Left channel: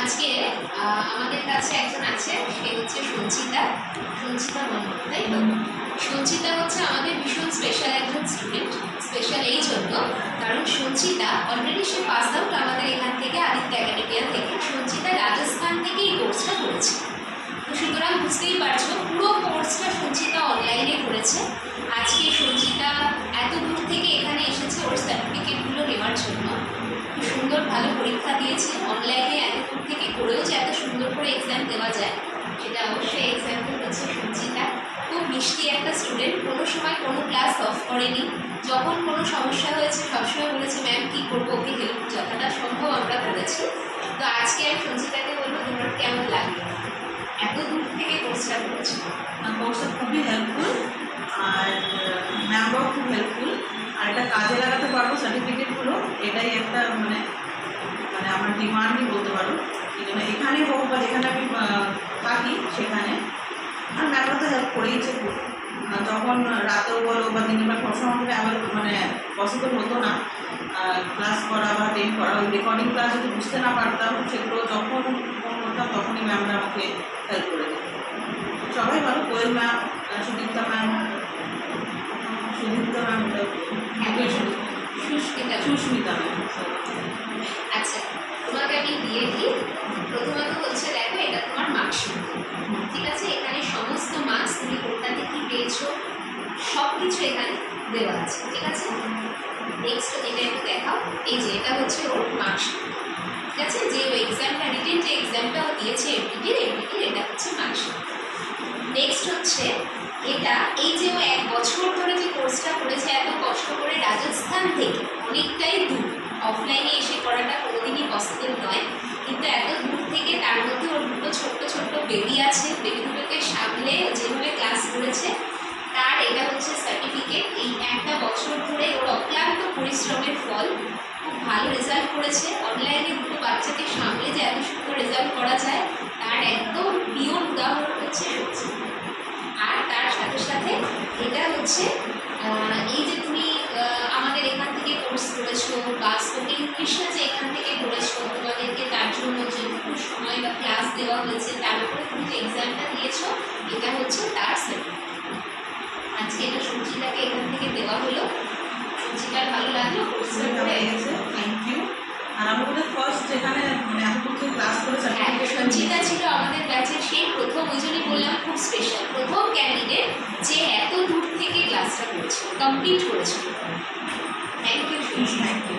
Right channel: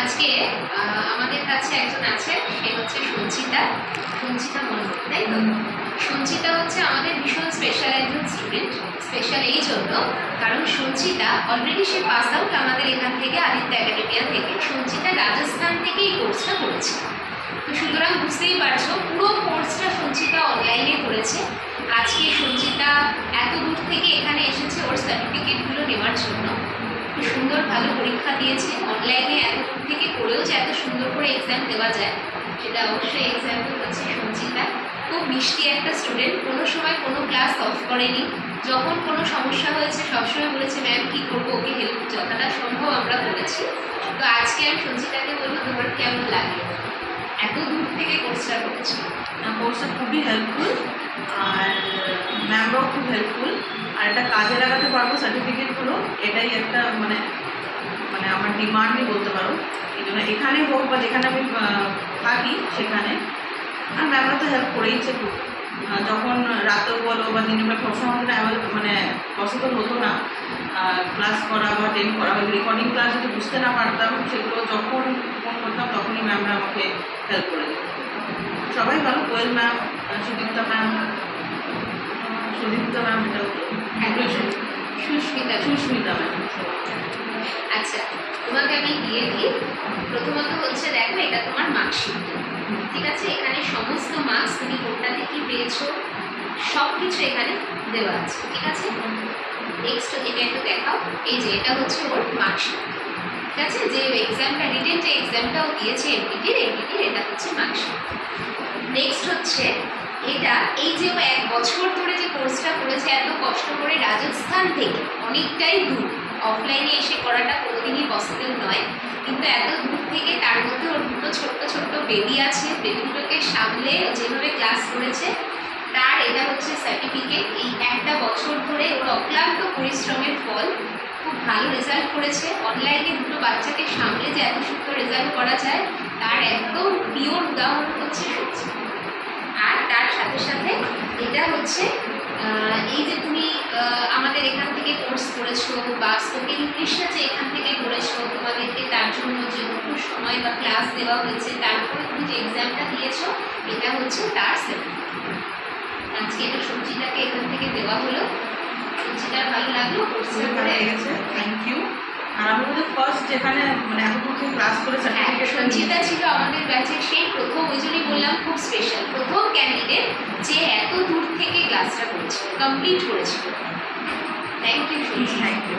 আজকে আমাদের কাছে একজন আছে, সে হচ্ছে সঞ্চিতা মণ্ডল, তাই তো? সঞ্চিতা হচ্ছে আমাদের ভীষণ স্পেশাল একজন স্টুডেন্ট। স্পেশাল এই জন্য কারণ সঞ্চিতা অলরেডি সে পাস আউট আমাদের এখান থেকে, আদিত্য একাডেমিয়া থেকে। সঞ্চিতা রাজস্থান থেকে এই কোর্সটা করেছে। তো সুতরাং বুঝতেই পারছো পুরো কোর্সটা সঞ্চিতা অনলাইনে করেছে। আজকে সঞ্চিতা এত দূর থেকে এখানে এসেছে ওর সার্টিফিকেটগুলো নেওয়ার জন্য। খুব সুন্দর ভালো পরীক্ষা দিয়েছে। অনলাইনে এত দূর থেকে করেও যে এত সুন্দর করে এক্সাম দেওয়া যায় সেটা অবশ্যই এক্সাম্পল হচ্ছে সঞ্চিতা। খুব মিষ্টি একটা স্টুডেন্ট, কোনো সময় কোনো ক্লাস অফ করেনি। যখন কোনো সমস্যা হয়েছে সবসময় বলেছে ম্যাম কী করবো, ওকে হেল্প যতটা সম্ভব আমরা করেছি। তো আজকে আমি সঞ্চিতাকে বলবো তোমার কেমন লাগবে, এত দূর থেকে কোর্সটা করেছি? কোর্সটা খুবই হেল্পফুল, আর ম্যামরাও খুব হেল্পফুল। আর এটা কাজে লাগাতে পারবো সার্টিফিকেটগুলো, এটাই একটা মানে মানে আমার ডিমান্ডই বলতে পারো। এই জন্য এখানে হোক বা যেখানে আমি থাকি সেখানে, আর ম্যামরা তো হেল্প করেইছে খুব। যখন রাতেও বলো বা দিনের বেলা পড়াশোনা আমাদের মানে পসিবল হতো না ক্লাস করা বা টেন করা, ওই রেকর্ডিং ক্লাস যদি বুঝতে না পারতাম সেগুলো যখন ফোন করতাম তখনই ম্যামরা আমাকে হেল্প করে দিত। সবাই ভালো, কোয়েল ম্যাম, সুদীপ্তা ম্যাম, এটাও সুস্মিতা ম্যাম। আচ্ছা, তোমাকে আমি দিয়ে দিই। প্রথমত হচ্ছে দেখো, এটা তোমার মার্কশিট, ঠিক আছে? এখানে সমস্ত মার্কস তুমি কোনটাতে কি পেয়েছো সব কিছু এখানে দেওয়া আছে, ঠিক আছে? নেক্সট এটা একটু দেখাও। এই যে এটা হচ্ছে ওর মার্কশিট, ঠিক আছে? যে এক্সামটা রিটেন যে এক্সামটাও দিয়েছে এমপিটির, এটা হচ্ছে মার্কশিট। নেক্সট হচ্ছে এটা, এই যে ও 1 বছর ধরে যে কোর্সটা করেছে এত কষ্ট করে রাজস্থান থেকে, অনেকটাই দূর, অফলাইনে এসে করাটা কোনোদিনই পসিবল নয়, কিন্তু এত দূর থেকে, তার মধ্যে ওর দুটো ছোট্ট বেবি আছে, বেবি দুটোকে সামলে যেভাবে ক্লাস করেছে তার এটা হচ্ছে সার্টিফিকেট। এই 1টা বছর ধরে ওর অক্লান্ত পরিশ্রমের ফল। খুব ভালো রেজাল্ট করেছে। অনলাইনে দুটো বাচ্চাকে সামলে যে এত সুন্দর রেজাল্ট করা যায় তার একদম পিওর উদাহরণ হচ্ছে সত্যি। আর তার সাথে সাথে এটা হচ্ছে এই যে তুমি আমাদের এখান থেকে কোর্স করেছো বা স্পোকেন ইংলিশটা যে এখান থেকে করেছো, তোমাদেরকে তার জন্য যেটুকু সময় বা ক্লাস দেওয়া হয়েছে তার উপরে তুমি যে এক্সামটা দিয়েছো, এটা হচ্ছে তার সার্টিফিকেট। আজকে এটা সঞ্চিতাকে এখান থেকে দেওয়া হলো। সঞ্চিতার ভালো লাগলো কোর্সের পরে? Thank you. আর আমি ওদের ফার্স্ট যেখানে মানে এতদূর থেকে ক্লাস করে সার্টিফিকেট, সঞ্চিতা ছিল আমাদের ব্যাচের সেই প্রথম, ওই জন্যই বললাম খুব স্পেশাল, প্রথম ক্যান্ডিডেট যে এত দূর থেকে ক্লাসটা করেছিল, কমপ্লিট করেছিল। Thank you. Thank you.